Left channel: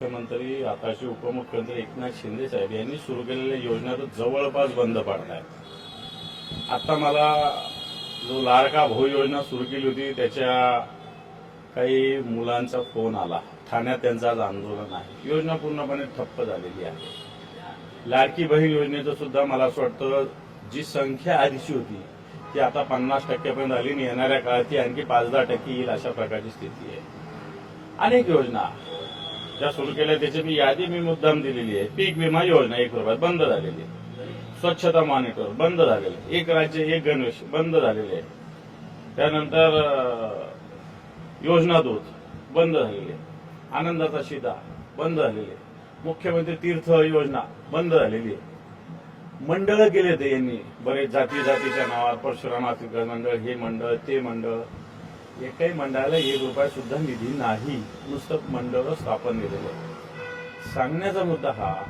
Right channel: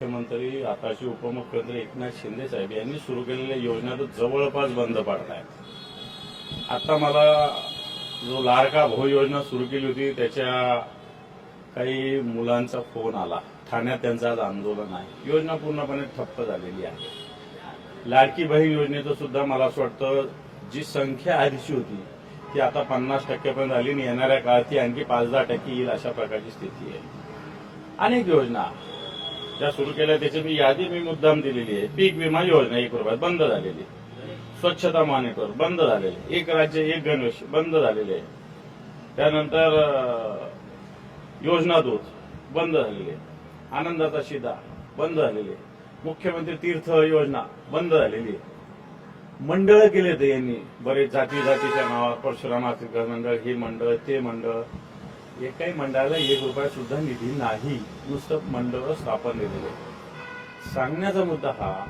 मुख्यमंत्री आताचे उपमुख्यमंत्री एकनाथ शिंदे साहेब यांनी सुरू केलेल्या योजना तर जवळपास बंद पडत आता मला जो लाडका भाऊ योजना सुरू केली होती त्याच्या काही मुलांचा फोन आला. ठाण्यात त्यांचं आज आंदोलन आहे. योजना पूर्णपणे ठप्प झालेली आहे. लाडकी बहीण योजनेचं सुद्धा मला असं वाटतं जी संख्या आधीची होती ती आता पन्नास टक्क्यापर्यंत आली आणि येणाऱ्या काळात ती आणखी पाच दहा टक्के येईल अशा प्रकारची स्थिती आहे. अनेक योजना ज्या सुरू केल्या त्याची मी यादी मी मुद्दाम दिलेली आहे. पीक विमा योजना एक रुपयात बंद झालेली स्वच्छता मॉनिटर बंद झालेले एक राज्य एक गणवेश बंद झालेले आहे. त्यानंतर योजना दूत बंद झालेले आनंदाचा शिदा बंद झालेले मुख्यमंत्री तीर्थ योजना बंद झालेली आहे. मंडळ केले ते यांनी. बरेच जाती जातीच्या नावावर परशुराम आर्थिक मंडळ हे मंडळ ते मंडळ. एकाही मंडळाला एक रुपया सुद्धा निधी नाही. नुसतं मंडळ स्थापन केलेलं. आहे सांगण्याचा मुद्दा हा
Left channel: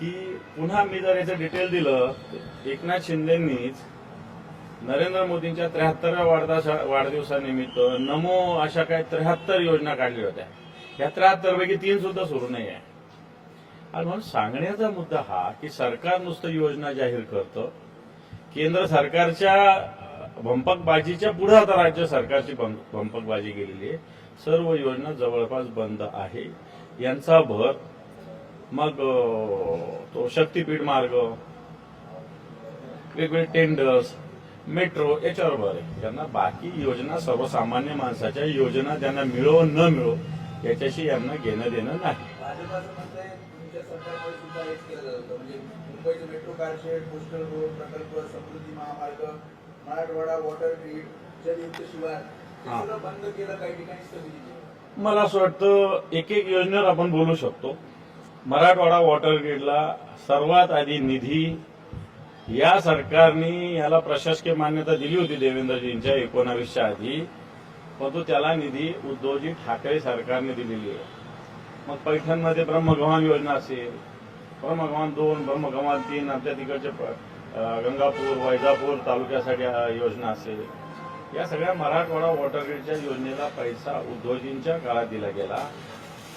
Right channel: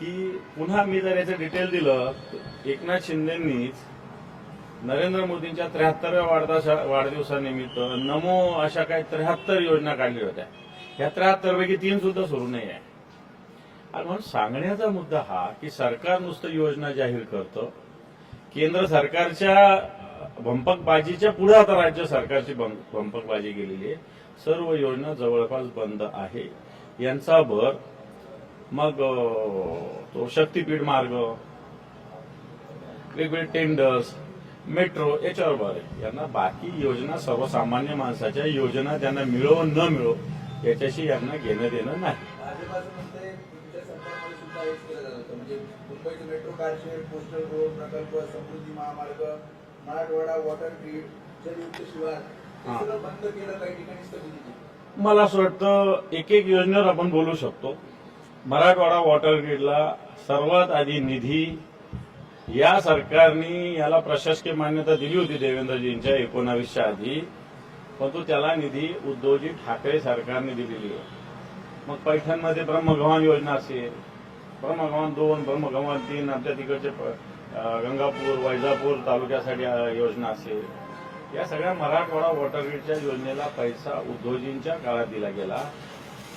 की पुन्हा मी जर याचं डिटेल दिलं तर एकनाथ शिंदेंनीच नरेंद्र मोदींच्या त्र्याहत्तरव्या वाढदिवसा वाढदिवसानिमित्त नमो अशा काही त्र्याहत्तर योजना काढल्या होत्या. या त्र्याहत्तरपैकी तीन सुद्धा सुरू नाही आहे. आणि म्हणून सांगण्याचा मुद्दा हा की सरकार नुसतं योजना जाहीर करतं. केंद्र सरकारच्या भंपकबाजीच्या पुढे आता राज्य सरकारची भं- भंपकबाजी गेलेली आहे. सर्व योजना जवळपास बंद आहे. यांचा भर मग तो शक्तीपीठ मार्ग वेगवेगळे टेंडर्स मेट्रो याच्यावर भर आहे. यांना बाकी योजना सर्वसामान्य माणसाच्या योजना त्यांना मिळो न मिळो याच्याशी यांना घेणं देणं नाही. मुंबईचं मेट्रो कारशेड पोस्टल रोड प्रकल्प समृद्धी महामार्ग मराठवाडा वॉटर ग्रीड जलयुक्त शिवार हे. सगळं बंद केलं काही ठिकाणी स्थगिती दिली. मला असं वाटतं एक एक योजनेवर आपण बोलू शकतो. मराठवाडा वॉटर ग्रीडला सर्वात आधी निधी या सरकारने याला प्रशासकीय मान्यता दिली होती देवेंद्रजींच्या एकोणावीसच्या आधी. परंतु त्याला निधी उद्धवजी ठाकरे सरकारने दिलेली आहे. मग पैठणमध्ये ब्रह्मगव्हाण योजना असेल ब्रह्मगव्हाण दोन ब्रह्मगव्हाण तीन आमच्या तिकडचे गंगापूर वैजापूर तालुक्यासाठी योजना असेल. या सगळ्या मराठवाडा वॉटर ग्रीडच्या योजनेला पैसा उद्धवजींच्या काळात दिला गेला.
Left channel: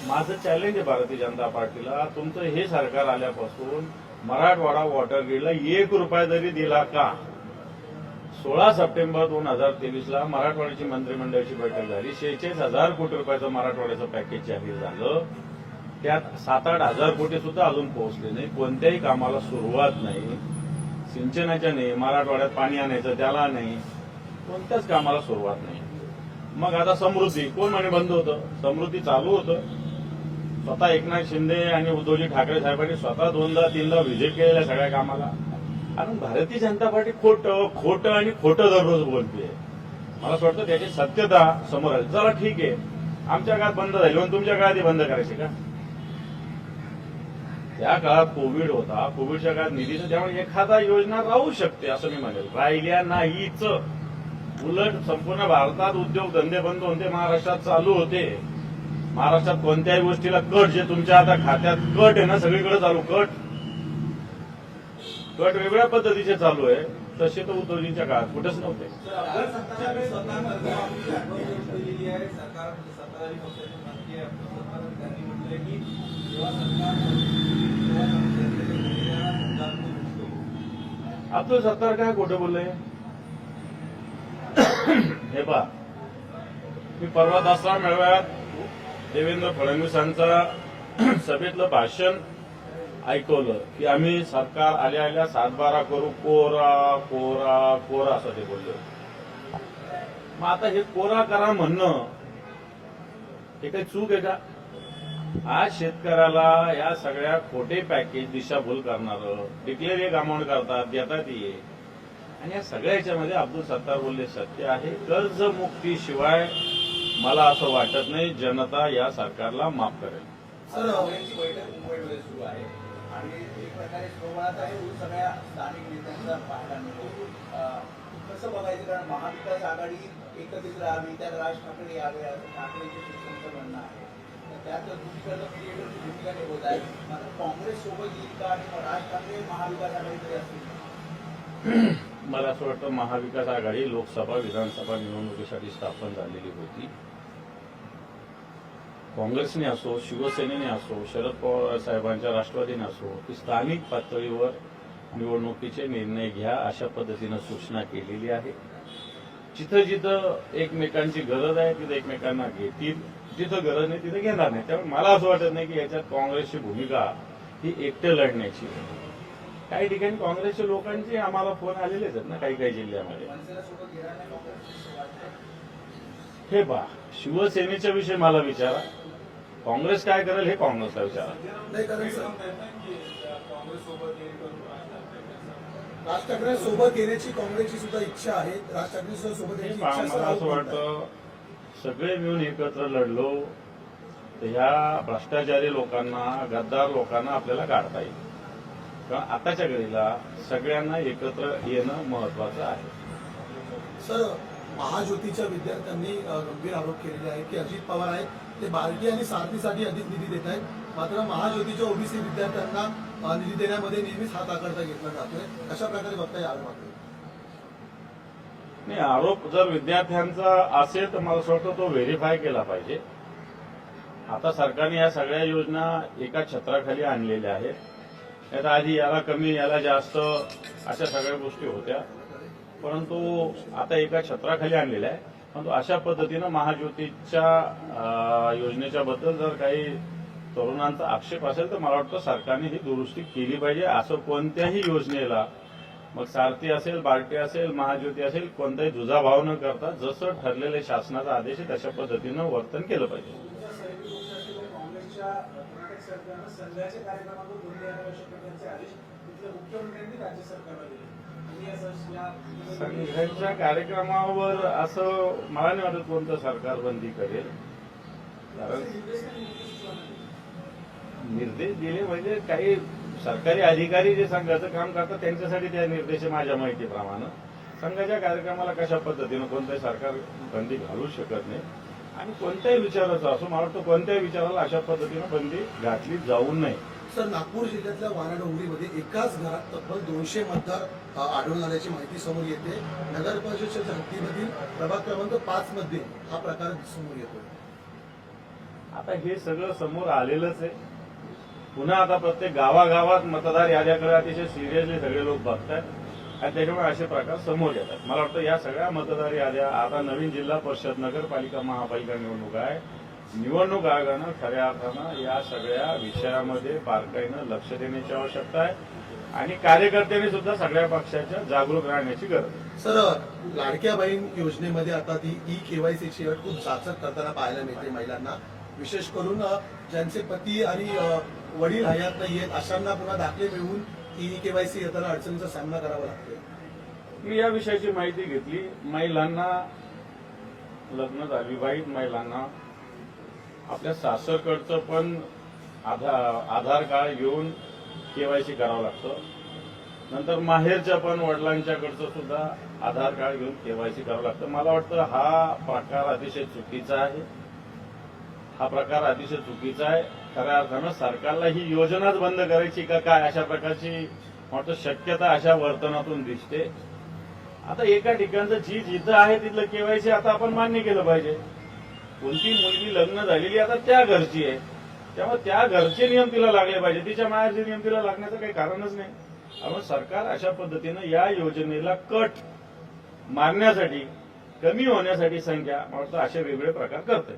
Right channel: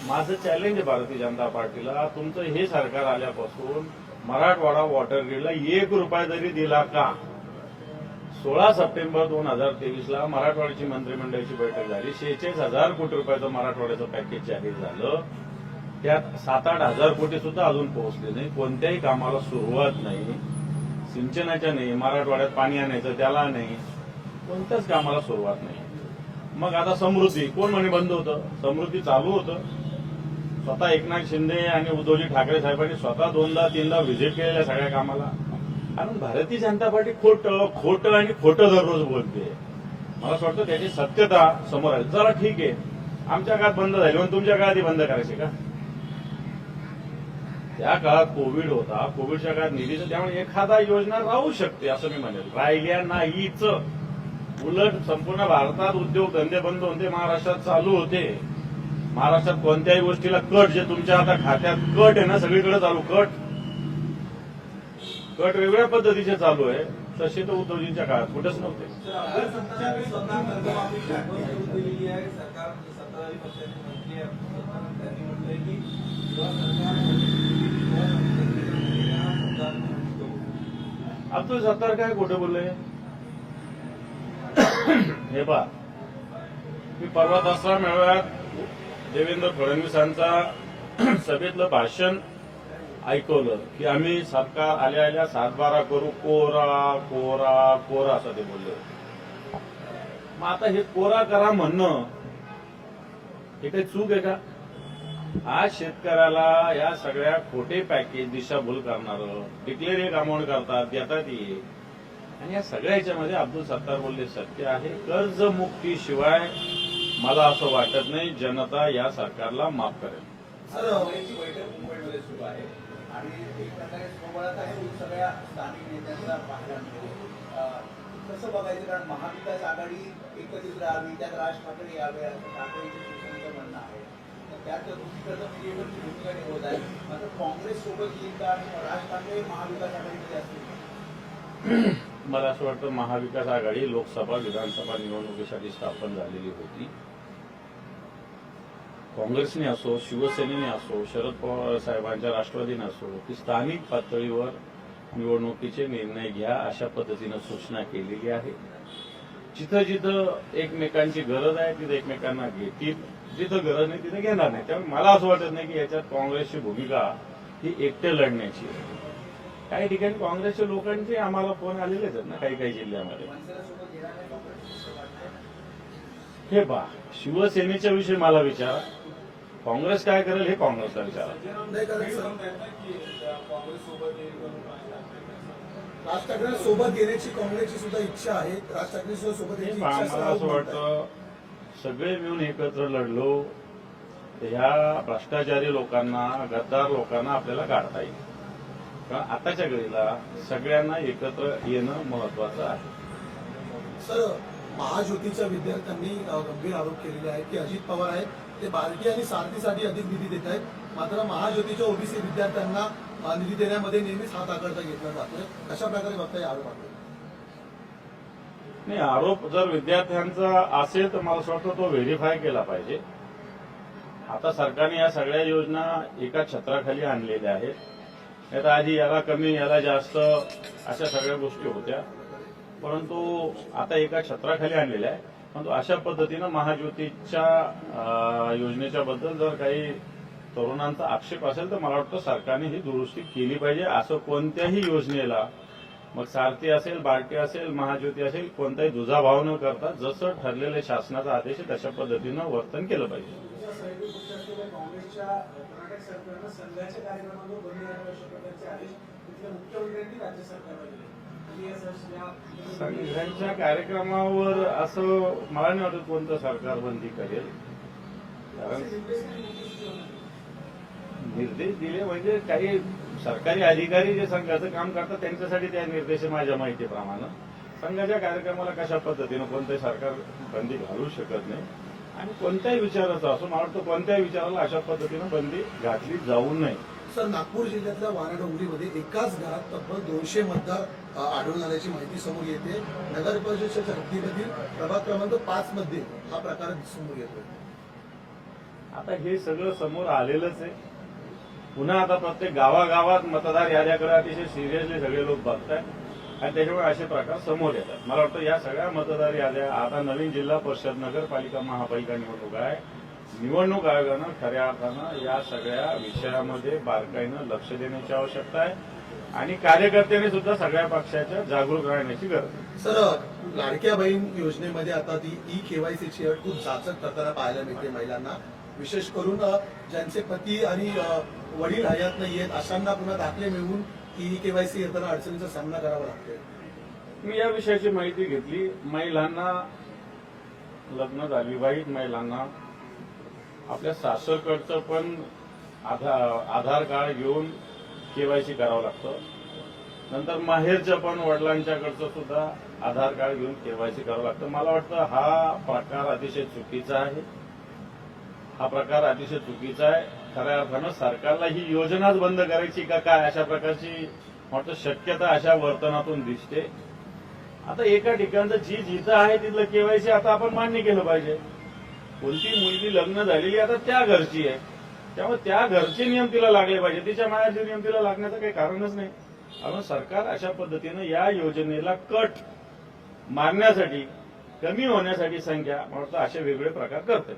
माझं चॅलेंज आहे भारतीय जनता पार्टीला. तुमचं हे सरकार आल्यापासून मराठवाडा वॉटर ग्रीडला एक रुपया जरी दिला का सोळा सप्टेंबर दोन हजार तेवीसला मराठवाड्याची मंत्रिमंडळाची बैठक झाली. शेहेचाळीस हजार कोटी रुपयाचं मराठवाड्याचं पॅकेज जाहीर झालं. त्यात सात आठ हजार कोटी सुद्धा अजून पोहोचले नाही. कोणत्याही कामाला सुरुवात नाही. सिंचनाच्या नाही मराठवाड्यात पाणी आणायचं त्याला नाही. कोणत्याच कामाला सुरुवात नाही. मग आता समृद्धी कोण म्हणे बंद होतं? समृद्धी चालू होतं. स्वतः एकनाथ शिंदे आणि उद्धवजी ठाकरे साहेबांनी स्वतः दोनदा तीनदा व्हिजिट केलेल्या सगळ्या कामाला. कारण भारतीय जनता पार्टी खोटं खोटं आणि खोटं दररोज बोलते. मला असं वाटतं त्याची सत्यता समोर आली. चला ठीक आहे. आमच्या काळात बंद झाली. म्हणून तुमच्या काळात बंद करायचे का? त्या काळात कोविड होता. कोविडच्या काळात निधीचं त्यामुळे एखादा योजना राहू शकते असं मी म्हणेल. राहिल्या नाहीच. उलट संपूर्ण भारतात उद्योग धंदे बंद होते महाराष्ट्रात चालू होते. महाराष्ट्रात कोणत्याही गोष्टीला कट जे तुमच्या आता खात्यात कट आहे ना सगळीकडे चालू कट. कट वेगळ्या पद्धतीचे चालू आहे. तसे तर उद्धवजींच्या काळात कुठेच नव्हते सर अफजल सत्तारांनी स्वतः कर्जमाफी सुरू केलेली आहे सरकार सत्ताधारी पक्षाचे मंत्री अफजल सत्तार त्यांनी म्हटलंय की जेव्हा सरकार तेव्हा शेतकऱ्यांना समजावून दिसतो अब्दुल सत्तार काय खोटं बोलले हे पहा. मी परवा दसरा मेळाव्यात देवेंद्र फडणवीसांचा सभेतलं भाषण ऐकवलं की आम्ही सरकार आल्या आल्या सातबारा करू कोरा कोरा कोरा असं ते बोलले. मग आता हे कोरा करा म्हणणं हे काही चूक आहे का? आज शेतकऱ्याला या सगळ्या खोटे पॅकेज दिशाभूल करणारं डिक्लेअर एक अमाऊंट करतात देतात ये आणि या सगळ्या याच्यामध्ये अब्दुल सत्तार बोलले सत्य आहे. कर्जमुक्तीशिवाय मला असं वाटत नाही. जनता या सरकारला माफ करेल. सर बैठक मुंबईमध्ये सुरू आहे. आणि एक प्रकारे सोहळाचा हेतू सगळ्या स्थानिक नेत्यांचा पाहायला मिळतो. कसं बघायचं? कारण महाविकास आघाडी एकत्रित राहावी त्यात राज ठाकरे यावे असं ठाकरेंच्या शिवसेनेचं म्हणणं आहे. त्यात मीडिएटरची भूमिका निवडत आहे मात्र काँग्रेस सोबत येईल का आणि राज ठाकरे महाविकास आघाडीमध्ये असतील? मला असं वाटतं महाविकास आघाडी लोकसभा विधानसभा निवडणुकीसाठी स्थापन झालेली होती. काँग्रेसने असो शिवसेनेने असो शरद पवार साहेबांच्या राष्ट्रवादीने असो की स्थानिक पातळीवर निवडणुकीचे निर्णय घ्या अशा पद्धतीनं सूचना केलेली आहे. जिथं जिथं एकमेकांची गरज आहे तिथं एकमेकांना घेतील. जिथं गरज नाही तिथं घेणार नाही. त्यामुळे मला असं वाटत नाही की याच्यात काँग्रेसची भूमिका ही एकटे लढण्याची. काही ठिकाणी काँग्रेसच्या लोकांचे आम्हाला फोन आलेलेच आहेत ना काही काही जिल्ह्यामध्ये. हे पहा शिवसेनेच्या विषयी मला विचारा. काँग्रेस काय करेल हे काँग्रेसला विचारा. राज ठाकरे सोबत घेण्याची काँग्रेसची सुद्धा इच्छा आहे. राज ठाकरे सुद्धा सोबत मला असं. वाटतं सगळे मिळून एकत्र लढलो तर ह्या भ्रष्टाचारी लोकांना गद्दार लोकांना आपल्याला काढता येईल. कारण आताच्या घडीला सगळ्यांना एकत्र येणं महत्वाचं आहे. सर महाज्योतीच्या विद्यार्थ्यांनी गंभीर आरोप केलेले आहेत की अजित पवार आहेत ते बार्टी आणि सारथीसाठी अधिक निधी देत आहेत. मात्र महाज्योतीच्या ओबीसी विद्यार्थ्यांना निधी देण्यामध्ये नेहमीच हात आकडता घेतला जातोय. अशा प्रकारे बघता या आरोपाकडे नाही आरोप जर विद्यार्थ्यांचा असेल तर मला असं वाटतं तो व्हेरीफाय केला पाहिजे. आता सरकारने या सगळ्या योजना एका छत्राखाली आणलेल्या आहेत. नाही तर आधी याला कमी याला जास्त अशा सगळ्या गोष्टी होत्या. परंतु आता एका छत्राखाली आणलेल्या आहे परंतु अशा पद्धतीनं महाज्योतीच्या योजनेच्या बद्दल जर काही तरुणांचा आक्षेप असेल तर मला वाटतं सरकारने ही दुरुस्ती केली पाहिजे. असं कोणत्याही योजनेला मग सारथी असेल बार्टी असेल महाज्योती असेल कोणताही दुजाभाव न करता जसं ठरलेले शासनाचा आदेश आहे तशा पद्धतीनं वर्तन केलं पाहिजे. संघाच्या कार्यक्रमावर असं मला नाही वाटत कोणतं सरकार बंदी करेल. कारण निर्देश दिले म्हणजे काही सरकारी अधिकारी जे संघाचं काम करतात त्यांच्यासाठी त्या निर्देश माझ्या माहितीप्रमाणे. संघाच्या कार्यक्रमाला कशा पद्धतीनं कोणतंही सरकार बंदी घालू शकत नाही आणि कोणत्याही विचाराचा असो मला वाटतं कोणत्याही विचाराला अशा पद्धतीनं बंदी घातली जाऊ नये. सर नागपूर जिल्ह्यातल्या वानाडोंगरीमध्ये एकाच घरात तब्बल दोनशे मतदार आढळून आल्याची माहिती समोर येते. नगर परिषदेच्या हद्दीमधील प्रभाग क्रमांक पाच मध्ये हा प्रकार समोर येतोय. आता हे सगळं समोर आलेलंच आहे. पुन्हा आता प्रत्येक गावागावात मतदार याद्याकडे अतिशय सिरियसली सगळे लोक बघतात आणि त्याच्यामुळे असे प्रकार समोर येतात. मला वाटतं या सगळ्या मतदार याद्या आता नवीन जिल्हा परिषद नगरपालिका महापालिका निवडणूक आहे. निवडणूक आयोगानं खऱ्या अर्थानं या सगळ्या विषयामध्ये बारकाईनं लक्ष देण्याची आवश्यकता आहे. आणि कार्यकर्त्यांनी सुद्धा सगळ्या पक्षाच्या जागरूक राहण्याची गरज आहे. सर लाडक्या बहीण योजनेमध्ये आता ती ई केवायसीची अट खूप जाचक करताना पाहायला मिळते महिलांना. विशेष करून ज्यांचे पती आणि वडील हयात नाही आहेत अशांना पुन्हा दाखले मिळवून ई केवायसी येताना अडचणीचा सामना करावा लागतोय. मी या विषयाची माहिती घेतली. महिलांना लग्न झालं विवाहित महिलांना आपल्या सासरकडचं पण आधार आधार कार्ड घेऊन केवायसी करावं लागतं. नंतर माहेरच्या पण वडिलांच्याकडचं सुद्धा आधार कार्ड घेऊन केवायसी करावं लागतं. मला वाटतं हा प्रकार अतिशय चुकीचा आहे. हा प्रकार अतिशय चुकीचा आहे. खऱ्या अर्थानं सरकारला ही योजनाच बंद करायची का काय अशा प्रकारची म्हणतो शक्यता अशा वर्तनातून दिसते. आता एका ठिकाणचं जी जिथं आहे तिथलं केवायसी आता आपण मान्य केलं पाहिजे. कोणती मुलगी लग्न झालेली आता त्या घरची आहे. त्यामुळे त्या घरचे नियम तिला लागले पाहिजे. तिच्या मायाचे नियम तिला लागण्याचं काही कारणच नाही. आपण सरकार अशा पद्धतीनं या योजनेला कट मारण्यासाठी कमी होण्यासाठी संख्या मला वाटतं असे वेगवेगळे प्रकार करते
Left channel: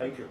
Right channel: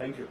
थँक्यू.